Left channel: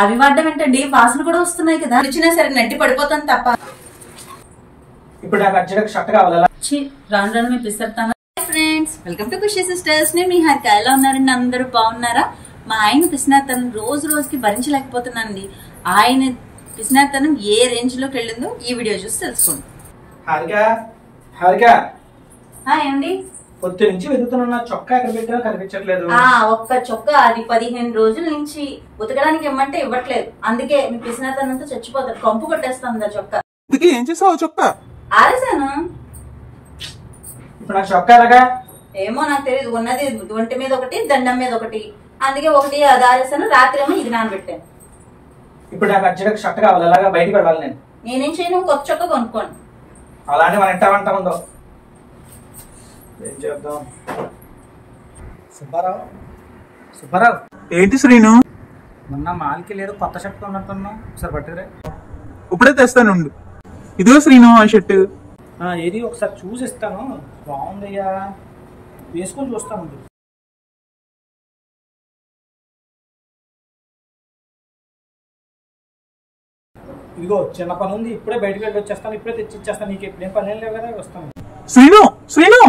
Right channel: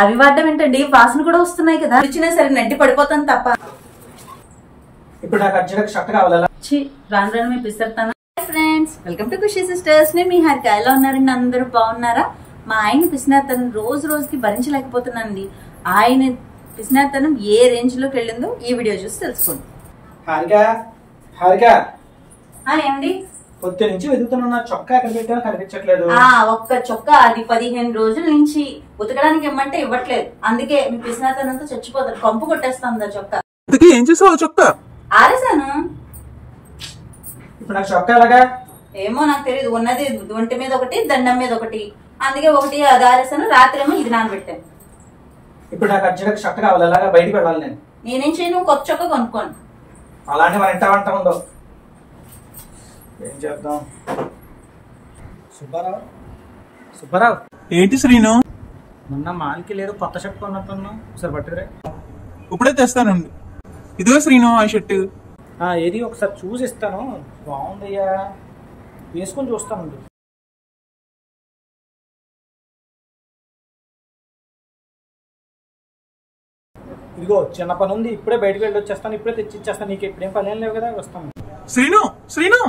అవి వాడడం ఏంటండి, వాసన కూడా వస్తున్నాయి కదా. ఇచ్చినా సరే నడ్డి పడిపోతాను తప్ప. ఇప్పుడు నాకు అర్జెంట్ షర్ట్ కావాలి. రాను రాను మేము పిస్తాను. Friends, welcome to Khushi sisters. నేను మీ హారిక. ఎలా ఉన్నారండి? అందరూ బాగున్నారా? మా ఆయన పిసినాతనం రోజు రోజుకి భరించలేకపోతున్నానండి. ఆయన పిసినాతనం ఏ రేంజ్ లోకి వెళ్ళిందో ఈ వీడియో చూసి తెలుసుకోండి. ఏమండి? పొద్దు నుంచి వెతుకుతున్నా, చొక్కా ఎక్కడ పెట్టారో కనిపించట్లేదు. ఒక్క చొక్కా అది 15 రోజుల నుంచి ఉతకడానికి ఇమ్మంటే ఇవ్వట్లేదు. అందుకే మీ పిసినాతనంతో చచ్చిపోతారు. కంపు కొట్టేస్తాను చొక్కా. ఏం చేసావు? చొక్కా ఆరేసాను. ఇప్పుడు నాకు చొక్కా ఎలాగా? ఏమో నాకు తెలియదు. ఉన్నది ఒంటి మీద ఒకటి, దండం మీద ఒకటి. అందుకే ఒకటి అది ఆరేసాను. రాత్రి ఏమో ఇది నానబెట్టాను. ఇప్పుడు నాకు అర్జెంట్ షర్ట్ కావాలి. ఎలాగా బయటికి వెళ్ళాలి. నేనేం చేయను, కొత్త చొక్కా కొనుక్కోండి. అలాంటి మన ఇంట వంట ఉండవు. ఏం చేద్దాం? సుబ్బారావు ఏంటి శ్రీను? మొన్న మాల్కి లేదు, కొత్త షర్ట్ కొన్నట్టున్నావు. ఒకసారి పట్టుకురా. ఇప్పుడే తెస్తాను. ఇదిగో శ్రీను ఆ షర్ట్. ఏది ఒకసారి చూసి ఇస్తాను. బాగుందయ్యా, వేసుకొని చూస్తాను. ఇదిగో చిన్న పని ఉంది, ఇప్పుడే బయటకు వెళ్ళి వచ్చేస్తాను. ఇప్పుడే తెచ్చి ఇచ్చేస్తాను. నీకు ఇప్పుడేం పని ఏం లేవు కదా, వస్తాను. శ్రీను శ్రీను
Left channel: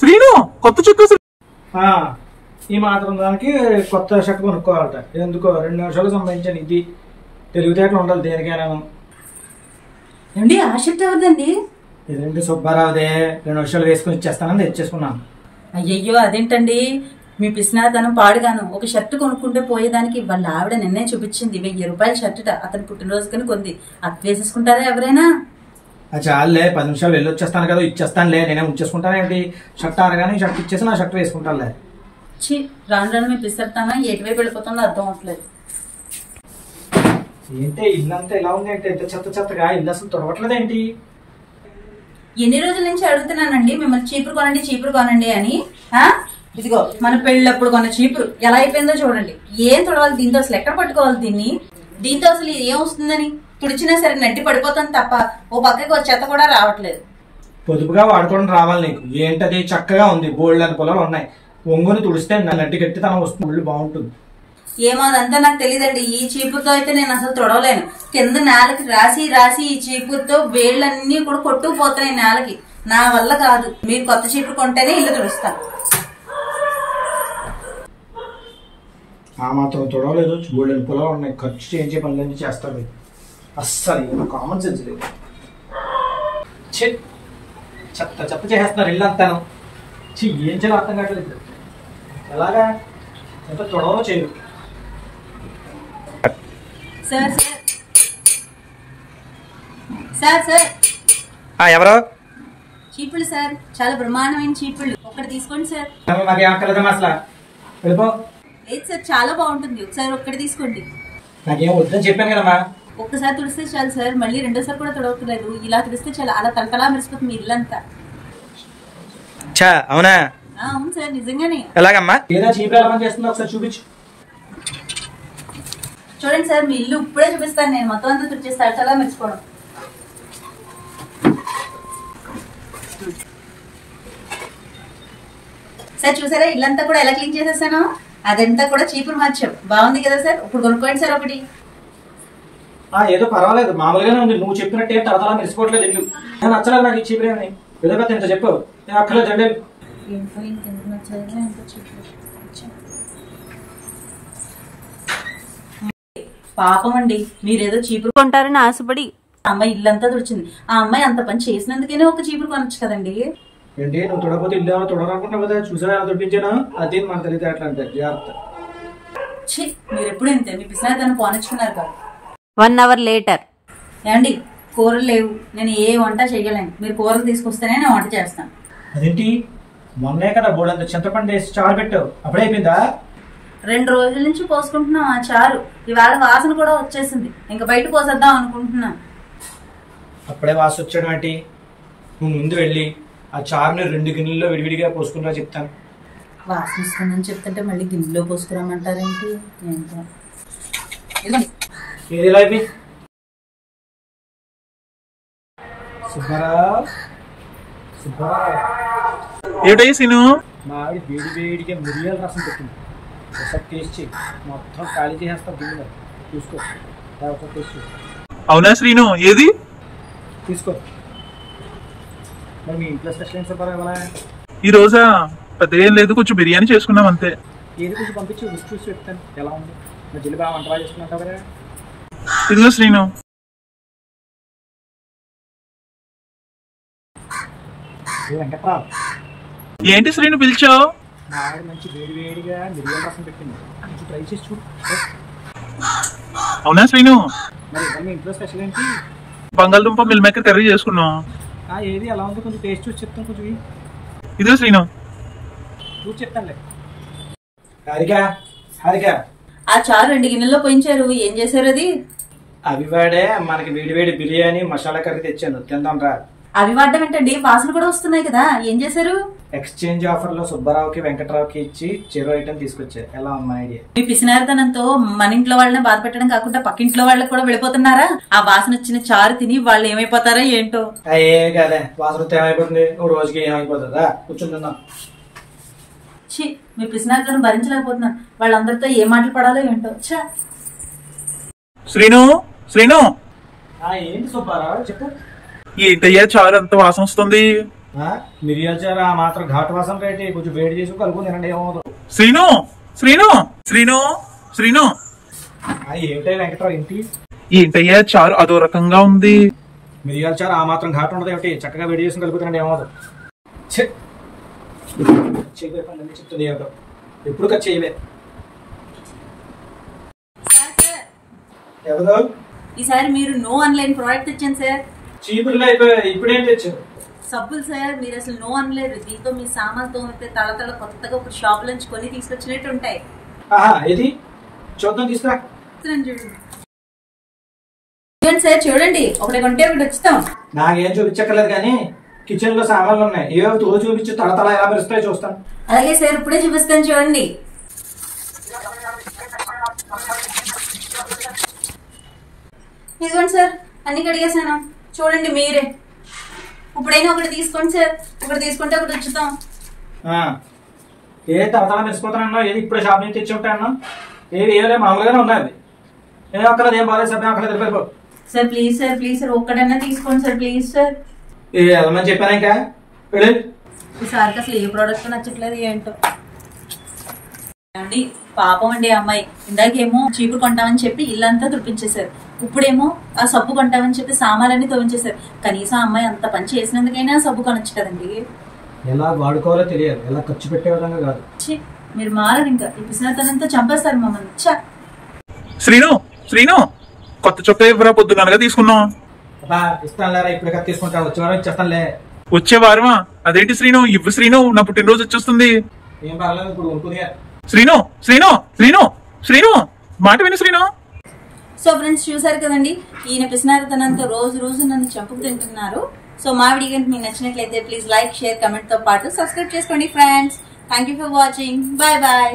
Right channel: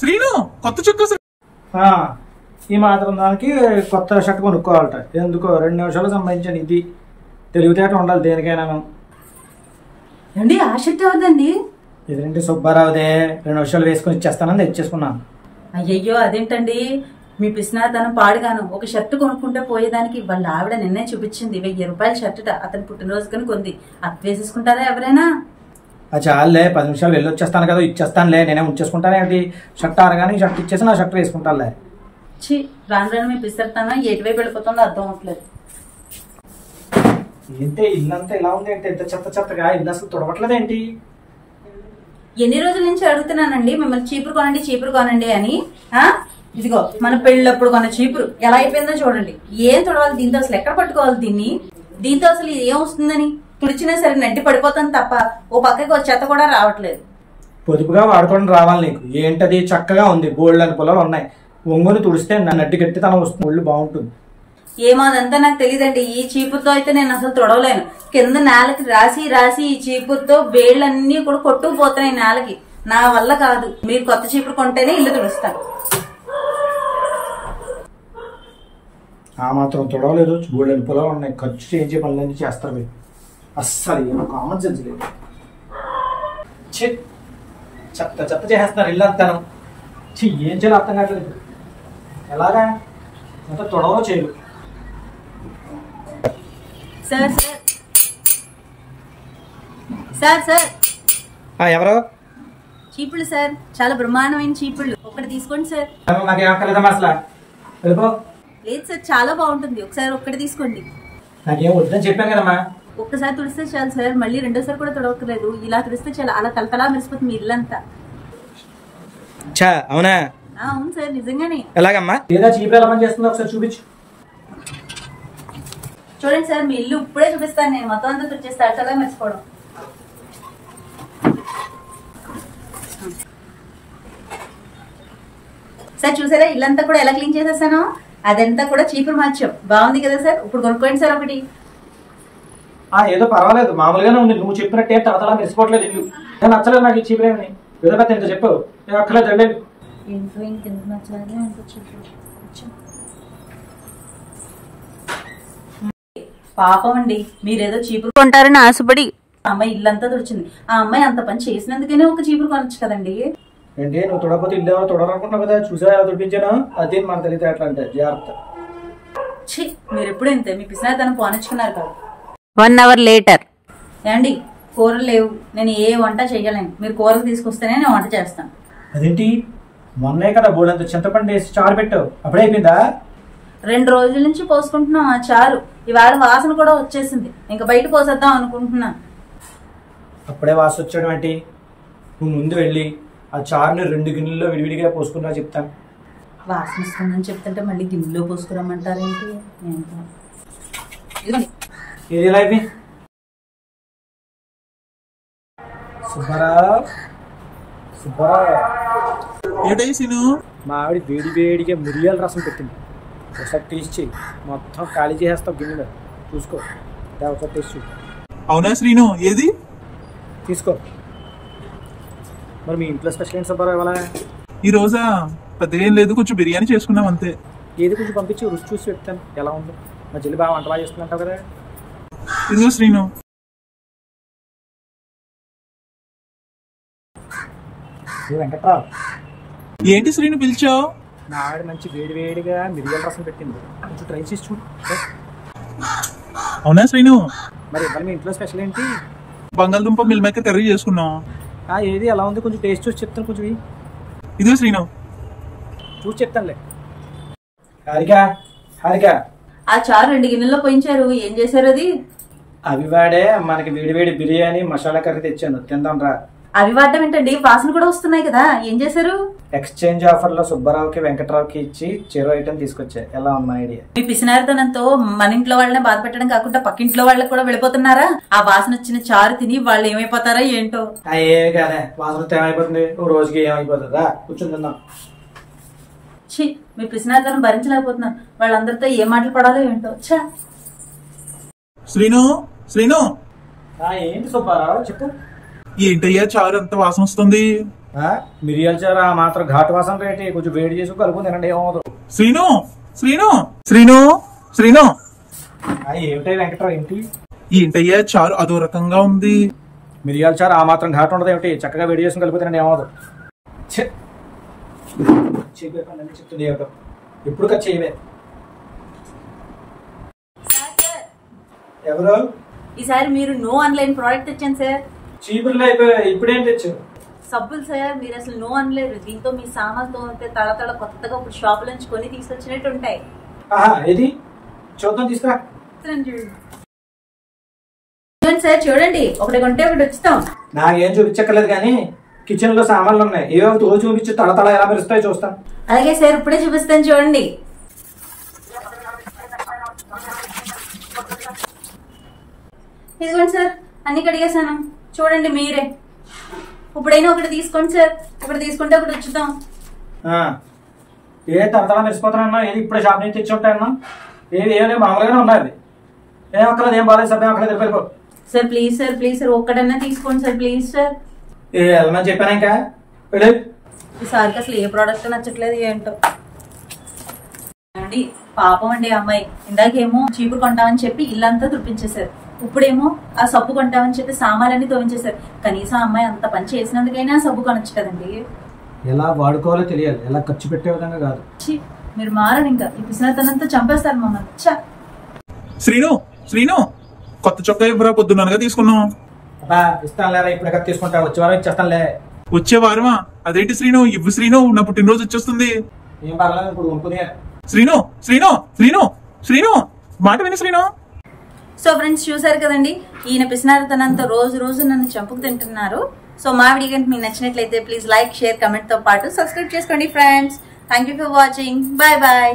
శ్రీను కొత్త చొక్కా. ఈ మాత్రం దానికి కొత్త షర్ట్ కొనుక్కోవాలట. ఎందుకో 2 నిమిషాలు సంబంధించిన ఇది తెలివితేట ఉండాలి దేనికైనా. ఏమండి, ఆ షర్ట్ ఎవరిదండి? ఇదేంటి సుబ్బారావుదే. 2 నిమిషాలు వేసుకొని ఇచ్చేస్తానని తెచ్చేసుకున్నాను. అయ్యయ్యో, అదేంటండి మీ పిసినాతనం పాడుగాను. ఒక షర్ట్ కొనుక్కుంటే పోయేదానికి వాళ్ళ ఆవిడ నిన్నే చూపించింది 1000 రూపాయల షర్ట్. అతను పుట్టినరోజు కని కొంది. అది వేసేసుకుంటారా ఎవరైనా? అది చాలే, 10 నిమిషాలు వెళ్ళి వచ్చేస్తాను కదా, ఇచ్చేస్తానులే. నేనే ఉంచేసుకుంటానేంటి? షర్ట్ ఆరగానే షర్ట్ ఇచ్చేసి నా షర్ట్ వేసుకుంటానులే. రాను రాను మీ పిస్తానా ఎటువైపు వెళ్ళిపోతుందో అర్థం అవట్లేదు. ఏంటి ఇల్లంతా ఇలా ఉంది? అంటే ఎంత చెత్త చెత్తగా, ఇల్లు అసలు తుడవట్లేదు ఏంటి? ఎన్ని రోజుల నుంచి అడుగుతున్నానండి మిమ్మల్ని చీపురు కొనండి, చీపురు కొనండి అని. ఇదిగో మన పెళ్ళప్పుడు కొన్న చీపురు ఎలా అయిపోయిందో చూడండి. ఏం తుడవాలి దీంతో? అసలు ఎక్కడ పట్టుకోవాలి దీన్ని? దీంతో అసలు ఏం వస్తుందని తుడిచినా సరే నడ్డి పడిపోతాను తప్ప ఓ పక్కకి చెత్త కూడా రావట్లేదు. పొదుపుగా వాడుకొని రావాలి నీకు. ఏంటది? చక్కగా ఉంది, బోల్డ్ అని పొలాలు ఉన్నాయి. ఒంగుని తుడిస్తే నడ్డి గట్టితనం వస్తుంది, ఒళ్ళు బాగుంటుంది. ఏమో అదంతా నాకు తెలియదండి. ఈ చీపురుతో అయితే నేను అసలు తుడవలేను. కింద నేలకి రాసి రాసి ఈ చీపురుతో వేళ్ళన్నీ కూడా కొట్టుకుపోతున్నాయి నేలకి. నా వల్ల కాదు. మీరు కొత్త చీపురు కొంటేనే ఇల్లు తుడుస్తాను. ఆ మాత్రం తుడవలేదు, బోల్డ్ పొలాలు ఉన్నాయి. ఖర్చు చేయించే పనులన్నీ చేస్తారు. అస్సలు కామన్ సెన్స్ లేదు. చెత్త చెత్త చేస్తున్నారు ఇల్లు అంతాను. ఏం చేయాలో అర్థం కావట్లేదు. ఎలాగా ఎంత తొడవో చేయరు. సార్ సార్ సార్ ఎవరు? చీపుళ్ళు సార్, చాలా బ్రహ్మాండమైన చీపుళ్ళు. ఒకటి తీసుకోండి సార్. నాకు అక్కర్లేదమ్మా అసలు. వెళ్ళిపో. లేదు సార్, చాలా బాగుంటుంది. ఒకసారి ఒక్కటి తీసుకోండి. నాకేం వద్దని చెప్పాను కదమ్మా. ఒక్కసారి తుడిస్తే చాలు సార్, మళ్ళీ రెండోసారి కూడా తుడవక్కర్లేదు. ఇలా తుడిస్తే చాలా అలా తలతలా మెరిసిపోతుంది మీ ఇల్లంతా. అవునా? అవును సార్, నిజంగానే. ఎలాగమ్మా? ఏదో చీపురు ఎలా పని చేస్తుందో ఒకసారి చూపించు. చూడండి సార్, మీ ఇల్లు ఇప్పుడే చూపిస్తాను. నేను మొత్తం అంతా తుడిచేస్తాను, చాలా మెచ్చుకోవడం. సార్ చూసారా ఇల్లంతా కూడా ఎలా క్లీన్ చేసేసాను? అదంతా కూడా చీపురు మార్చాం. బాగుంది కదా సార్? ఇప్పుడు కొనుక్కోండి సార్ ఒకటి. ఏదో పర్వాలేదు, మామూలుగానే ఉంది. నువ్వు చెప్పినట్టే తరతలా మెరిసిపోవట్లేదు ఇల్లు. నచ్చలేదు నాకు ఈ చీపురేమని. ఏదో పెద్ద ఇంత చెప్పావు. నేను అక్కర్లేదు దండే. పాపం అండి, మీరేదో చీపురు కొంటారని ఆశపడి అమ్మాయి ఇల్లంతా తుడిచింది. ఆ అమ్మాయి అంత పని చేసినందుకనే ఒక చీపురు కొనొచ్చు కదండి. ఏంటి నువ్వు తొడకపోతే ఇల్లు ఏమో తొడరనుకుంటున్నావు కదా? చూసా ఎలా తుడిపించాను? అది మన తెలియదు అట్లా అంటే జాగ్రత్త. మీరు ఎప్పుడు ఇంతే. మీ పిసినారితనం పోనిచ్చుకున్నారు కాదు. 1 అవర్ లేటర్. ఏమండి, కూరలు లేవు, నేను ఏ వంట చెయ్యలేను. మీరు కూరలు తీసుకొస్తేనే నేను వంట చేస్తాను. అదేంటి? మొన్నే కదా బోడంత చింతపండు వేసి చారు పెట్టావు, అప్పుడే అయిపోయిందా? 2 రోజుల నుంచి పోసుకుంటున్నాం ఆ చారు. ఇవాళ వాసన కూడా వచ్చేసింది. ఇంకా బయట పోసేద్దాం అనుకుంటున్నాను. అప్పుడే వాసన వచ్చాడు ఏంటి? నువ్వు ముందు వెళ్ళి ఆ చారుని 2 గిన్నెల్లో విడివిడిగా పోసుకున్నా చెప్తాను. వాసన ఇస్తుందని చెప్తుంటే మళ్ళీ గిన్నెలో పోసుకురమ్మంటారేంటి? ఇదిగోండి. ఏది ఇలా అయిపోయి? సుబ్బారావు ఏటయ్య సీను? మా ఆవిడ వేడి వేడిగా మిరియాల రసం పెట్టింది. ఒకసారి టేస్ట్ చేయి, మొత్తం ఖాళీ చేసేస్తావు గిన్నెలో. తీసుకో అవునా శ్రీను? ఏది? తీసుకో. మరి మీ ఇంట్లో స్పెషల్ ఏంటి సుబ్బారావు ఇవాళ? ఈ రోజా పెద్దగా ఏం లేదు, కొంచెం బిర్యానీ చేసుకున్నాం అంతే. ఏది కొంచెం పంపించి రుచి చూసి చెప్తాను ఎలా ఉందో. మా చెల్లి బాగా వంట బాగా చేసుకుంటావు కదా. ఇదిగో శ్రీను. వెంకట్రావు, ఏంటి శ్రీను పిలిచావు? మా ఆవిడ మంచి వేడి వేడిగా మిరియాల రసం పెట్టింది, కొంచెం ట్రై చేసి చూడు. అవునా శ్రీను? మరి ఇవాళ మీ ఇంట్లో స్పెషల్ ఏంటి? బంగాళదుంప మిల్ మేకర్ కర్రీ చేసుకున్నాం. ఏది ఎలా ఉంది కొంచెం టేస్ట్ చూసి చెప్తాను. కొంచెం ఇదిగో శ్రీను. చూసి చెప్తానులే. హారిక, హారిక, ఆ చారు 2 గిన్నెల్లో పోయించారు. ఏం చేశారు అది? అవి వాడే మనకి వేడి వేడి బిర్యానీ మసాలా కర్రీ తెచ్చాను, తిందాం రా. అవి వాడడం ఏంటండి? వాసన కూడా వస్తున్నాయి కదా, ఏం చేశారు? ఎక్స్చేంజ్ ఆఫర్ లో సుబ్బారావుకి వెంకట్రావుకి ఇచ్చి చెరో ఐటమ్ తీసుకొచ్చా. ఎలా ఉంది ఐడియా? మీ పిసినారితనంతో మన ఇంట్లో వాళ్ళని బాధ పెట్టడం కాకుండా పక్కింట్లో వాళ్ళకి కూడా వెళ్ళిపోతున్నారా? ఆ వాసన వచ్చిన చారు తిని వాళ్ళు ఏమైపోతారా ఏంటో. అయ్యే కదే, వాసనతో ఏమైపోతుంది, రోజుకి ఏమైపోతుందా? కూర్చొని తిందాం. ఛీ, మీ పిసినారితనం భరించలేకపోతున్నారు. వాళ్ళందరితో ఏ మాటలు పడాలో ఏంటో. ఛా. శ్రీను, శ్రీను, ఏంటి సుబ్బారావు చెప్పు. ఏంటయ్యా చారు అంత వాసన వస్తుంది? మిరియాల చారు ఆ మాత్రం ఘాటు వాసన రేటి, కొంచెం వేడి చేసి కలుపు తినండి, ఏమవుతుంది. శ్రీను, శ్రీను, శ్రీను, శ్రీను. ఏమిటో వెంకట్రావు ఏంటి? ఏంటయ్యా చారు అదో రకంగా ఉంది. మిరియాల చారు ఆ మాత్రం ఘాటు ఉండదు ఏమిటి? చక్కగా వేడి చేసి కలుపు తినండి, ఏమవుతుంది. చెప్తుంది ఏమిటో, ఎప్పుడు ఖర్చు చేయవే. ఎవరు? ఈసారి మీరు నో ఆన్లైన్ ప్రోడక్ట్ తెచ్చాను సార్. చీపుర్లో అయిపోయాయి, ఇప్పుడేం తెచ్చావు? సబ్బులు సార్. మీరు అసలు నో అనలేరు. దీంతో మీ సామాన్తో తళతళ కొత్తగా ఒక షాప్ నుంచి కొని తీసుకొచ్చినట్టు ఉంటాయి. ఇది చూద్దాం, తీసుకురా. చూడండి సార్, చూడండి. ఒకటి కొంటే ఒకటి వచ్చుతాం. నాకేం చూపించక్కర్లేదు కానీ కిచెన్ లో సామాన్లు ఉన్నాయి, ఏవో తో చూపించి తళతళ ఎలా మెరుస్తాయో చూస్తాను. అలాగే సార్, ఇప్పుడే చూపిస్తాను చూడండి. ఇదిగోండి సార్, అన్ని కడిగేసాను. చూడండి మీరే. ఇప్పుడైనా ఒకటి తీసుకోండి సార్. ఒకటి తీసుకుంటే ఒకటి వచ్చుతాం. ఏ తళతళ మెరిసిపోతానన్నా, ఏది ఇప్పుడే షాప్ నుంచి తెచ్చి ఉంటాయన్నా, ఏమి మామూలుగానే ఉన్నాయి. అది ఏం అక్కర్లేదు, ఏం బాగాలేదు సార్, అక్కడ వెళ్ళిపో. Sir please sir, please sir, ఒక్కడైనా తీసుకోండి సార్, ప్లీజ్ సార్. వెళ్ళమని చెప్పాను ఇంకా. ఈసారికి అసలు ఏ ప్రోడక్ట్ నచ్చట్లేదు ఏంటో. ఏమండి, పాపం అండి అమ్మాయి. ఇందాకేమో చీపురు కొంటామని చెప్పి ఇల్లంతా తుడిపించేశారు. ఇప్పుడేమో ఆ సబ్బు కొంటామని చెప్పి సామాన్లన్నీ తోయించేశారు. కనీసం అమ్మాయి అంత పని చేసినందుకైనా సబ్బు కొనొచ్చు కదండి. ఎలా వాడుకోవాలో తెలియాలి, ఎలా ఖర్చు పెట్టే విధంగా కాదు. మీరు మారరు ఇంకా. ఈ పిసినాతనంతో చంపేస్తారు మమ్మల్ని. శ్రీను, శ్రీను, కొత్త చొక్కా ఇవ్వరా, పొద్దున్నగా తీసుకున్నాం. ఇస్తాను లేరా, ఇప్పుడు ఎక్కడ తీసుకుంటా, వచ్చే వారం ఇచ్చేస్తానులే. వచ్చే వారమా? అదేంటి శ్రీను? ఇవ్వు శ్రీను, నా పుట్టినరోజు వచ్చేస్తుంది. ఏం పర్లేదు, ఇప్పుడు కొనుక్కునే. శ్రీను, శ్రీను, శ్రీను, శ్రీను, మాట విను శ్రీను. సో ఫ్రెండ్స్, చూసారు కదండి, ఈయన పిసినారితనంతో రోజు రోజు నన్ను చంపుకు తింటున్నారు. సో మా వీడియో కనుక మీకు నచ్చినట్లయితే ప్లీజ్ లైక్, షేర్, కమెంట్ తో పాటు సబ్స్క్రైబ్ చేసుకోండి friends. Thank you for watching. Bye bye.